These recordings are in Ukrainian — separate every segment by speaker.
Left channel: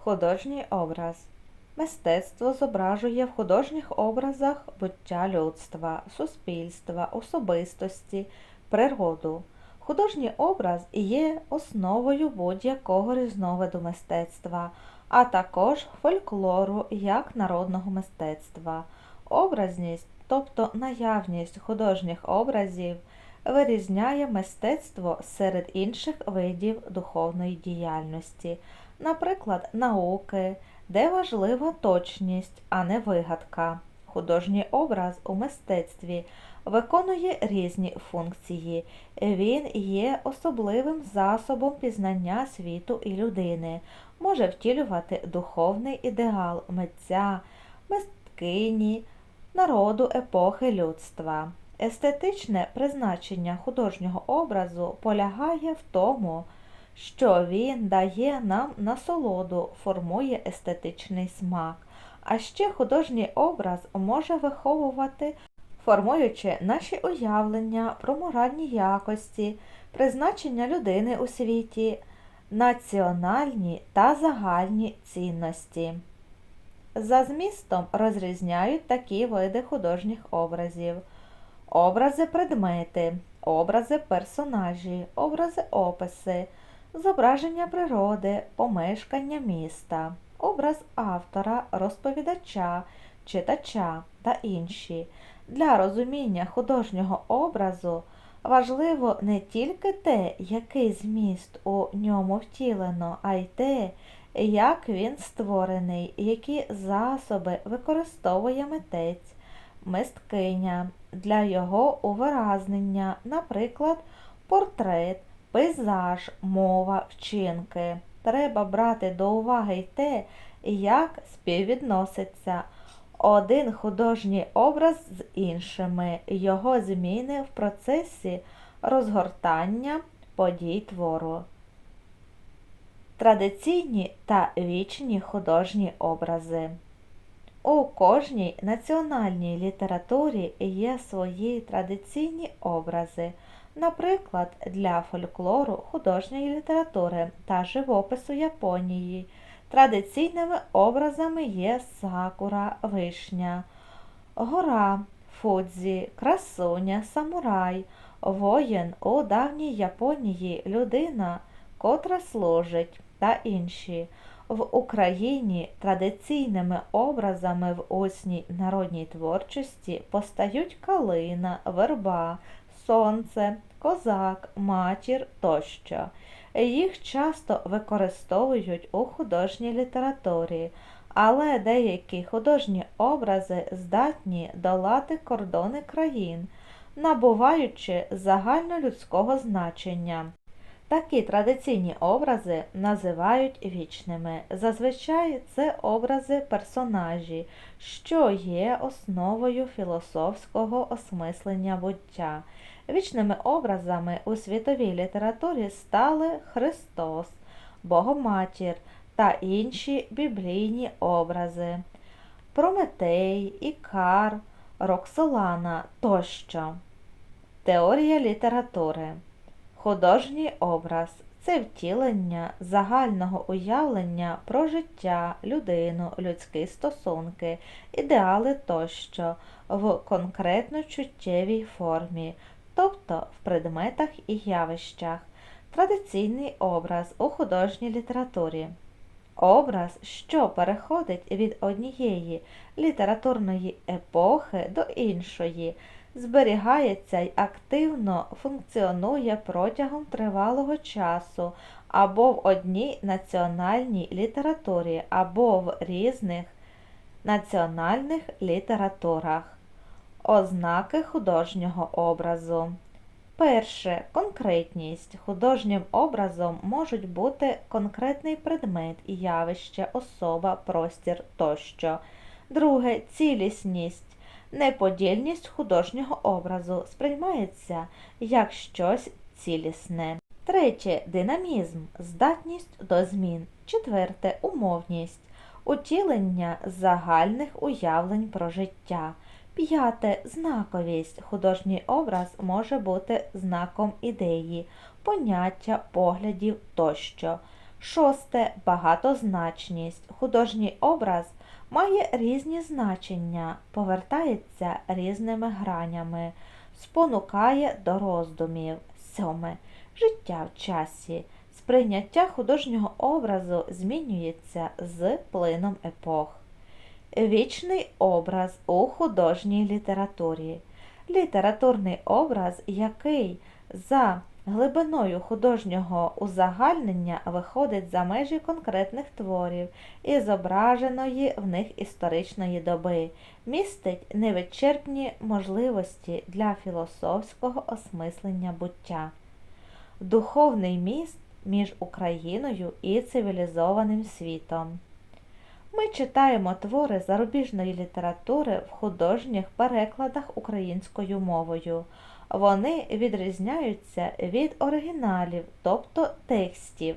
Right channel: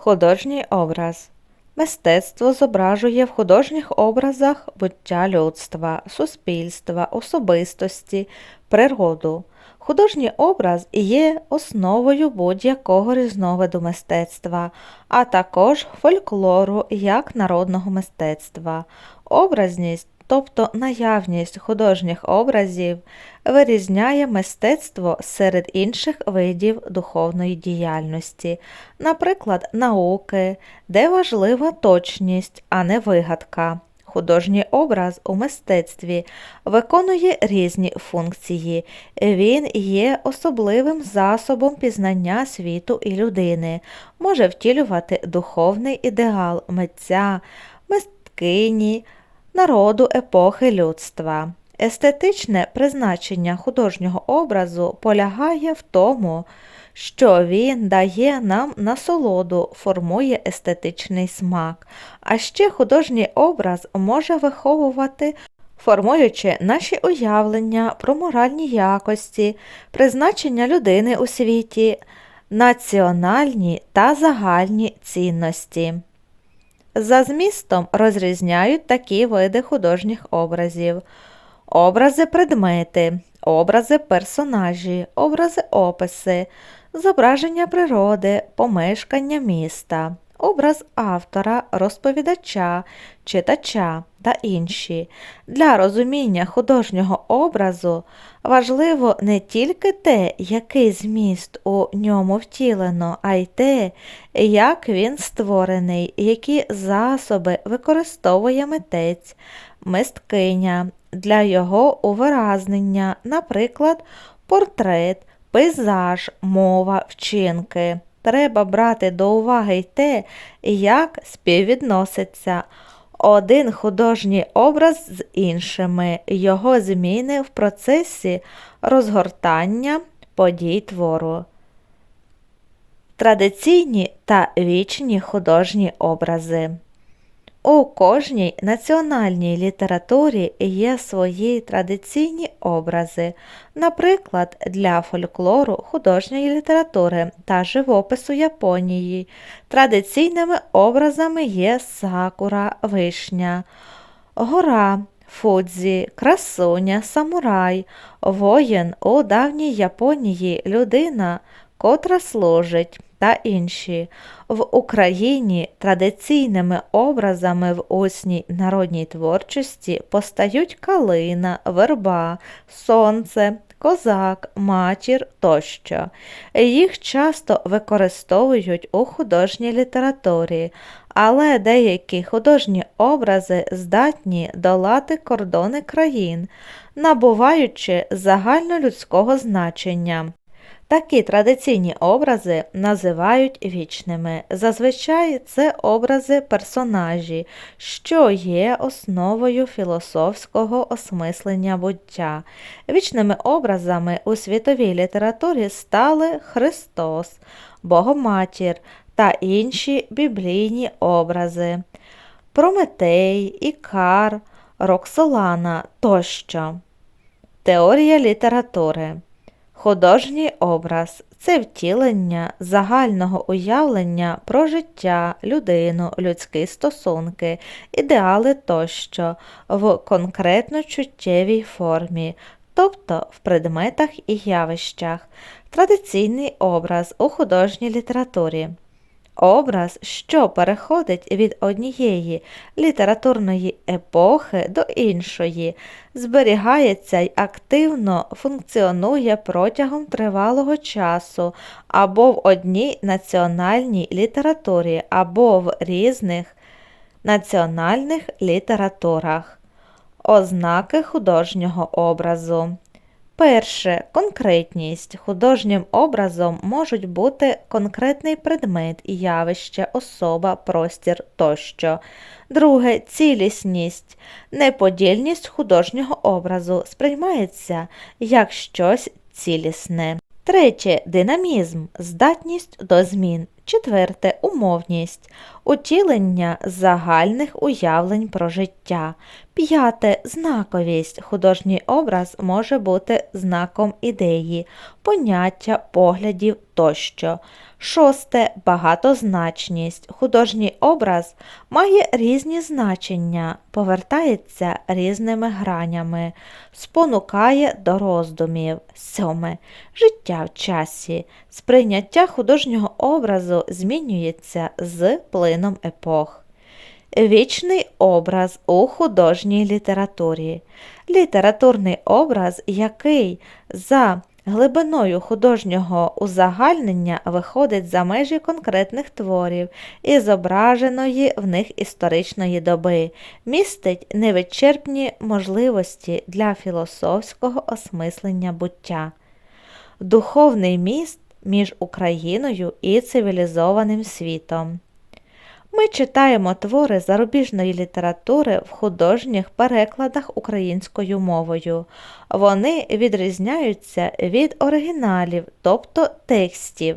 Speaker 1: Художній образ. Мистецтво зображує в художніх образах буття людства, суспільства, особистості, природу. Художній образ є основою будь-якого різновиду мистецтва, а також фольклору як народного мистецтва. Образність, тобто наявність художніх образів, вирізняє мистецтво серед інших видів духовної діяльності, наприклад, науки, де важлива точність, а не вигадка. Художній образ у мистецтві виконує різні функції. Він є особливим засобом пізнання світу і людини, може втілювати духовний ідеал митця, мисткині, народу епохи людства. Естетичне призначення художнього образу полягає в тому, що він дає нам насолоду, формує естетичний смак, а ще художній образ може виховувати, формуючи наші уявлення про моральні якості, призначення людини у світі, національні та загальні цінності. За змістом розрізняють такі види художніх образів: образи предмети, образи персонажі, образи описи, зображення природи, помешкання міста, образ автора, розповідача, читача та інші. Для розуміння художнього образу важливо не тільки те, який зміст у ньому втілено, а й те, як він створений, які засоби використовує митець, мисткиня для його увиразнення, наприклад, портрет, пейзаж, мова, вчинки. Треба брати до уваги й те, як співвідноситься один художній образ з іншими, його зміни в процесі розгортання подій твору. Традиційні та вічні художні образи. У кожній національній літературі є свої традиційні образи, наприклад, для фольклору, художньої літератури та живопису Японії. Традиційними образами є сакура, вишня, гора, фудзі, красуня, самурай, воїн у давній Японії людина, котра служить та інші. В Україні традиційними образами в усній народній творчості постають калина, верба, сонце, козак, матір тощо. Їх часто використовують у художній літературі, але деякі художні образи здатні долати кордони країн, набуваючи загальнолюдського значення. Такі традиційні образи називають вічними. Зазвичай це образи персонажі, що є основою філософського осмислення буття. Вічними образами у світовій літературі стали Христос, Богоматір та інші біблійні образи Прометей, Ікар, Роксолана тощо. Теорія літератури Художній образ це втілення загального уявлення про життя, людину, людські стосунки, ідеали тощо в конкретно чуттєвій формі, тобто в предметах і явищах, традиційний образ у художній літературі. Образ, що переходить від однієї літературної епохи до іншої, зберігається й активно функціонує протягом тривалого часу або в одній національній літературі, або в різних національних літературах. Ознаки художнього образу. Перше конкретність. Художнім образом можуть бути конкретний предмет, явище, особа, простір тощо. Друге цілісність. Неподільність художнього образу сприймається як щось цілісне. Третє динамізм, здатність до змін. Четверте умовність, утілення загальних уявлень про життя. П'яте знаковість. Художній образ може бути знаком ідеї, поняття, поглядів тощо. Шосте багатозначність. Художній образ має різні значення, повертається різними гранями, спонукає до роздумів. Сьоме життя в часі. Сприйняття художнього образу змінюється з плином епох. Вічний образ у художній літературі. Літературний образ, який за глибиною художнього узагальнення виходить за межі конкретних творів і зображеної в них історичної доби, містить невичерпні можливості для філософського осмислення буття. Духовний міст між Україною і цивілізованим світом. Ми читаємо твори зарубіжної літератури в художніх перекладах українською мовою. Вони відрізняються від оригіналів, тобто текстів,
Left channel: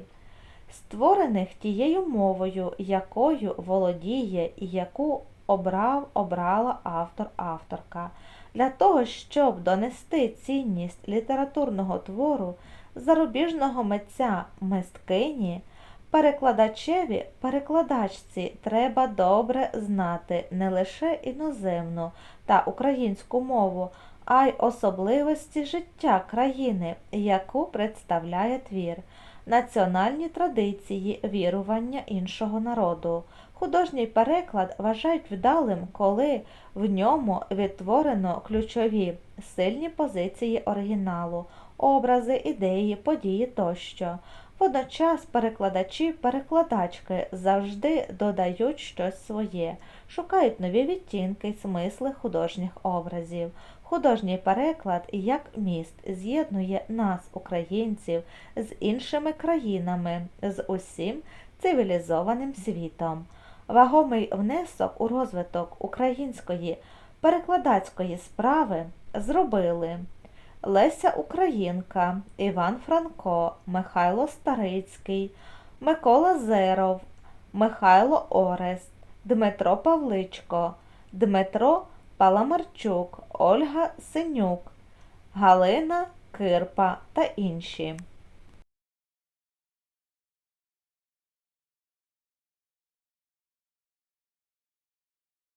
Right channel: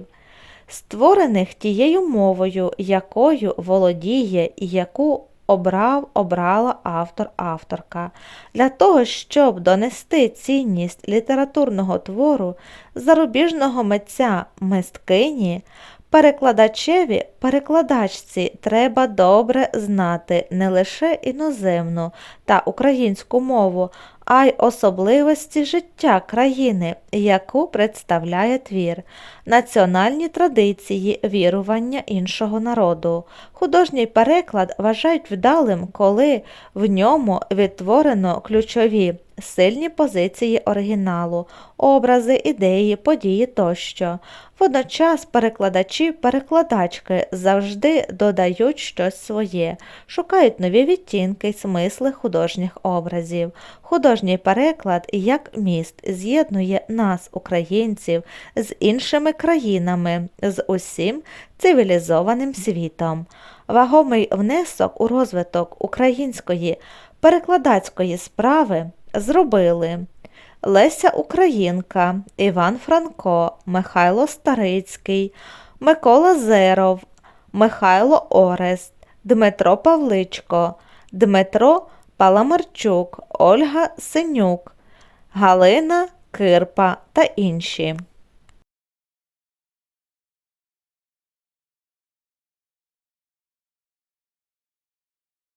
Speaker 1: створених тією мовою, якою володіє і яку обрав обрала автор-авторка. Для того, щоб донести цінність літературного твору зарубіжного митця мисткині, Перекладачеві, перекладачці треба добре знати не лише іноземну та українську мову, а й особливості життя країни, яку представляє твір, національні традиції вірування іншого народу. Художній переклад вважають вдалим, коли в ньому відтворено ключові сильні позиції оригіналу, образи, ідеї, події тощо. Водночас перекладачі, перекладачки завжди додають щось своє, шукають нові відтінки смисли художніх образів. Художній переклад як міст з'єднує нас, українців, з іншими країнами, з усім цивілізованим світом. Вагомий внесок у розвиток української перекладацької справи зробили. Леся Українка, Іван Франко, Михайло Старицький, Микола Зеров, Михайло Орест, Дмитро Павличко, Дмитро Паламарчук, Ольга Синюк, Галина Кирпа та інші.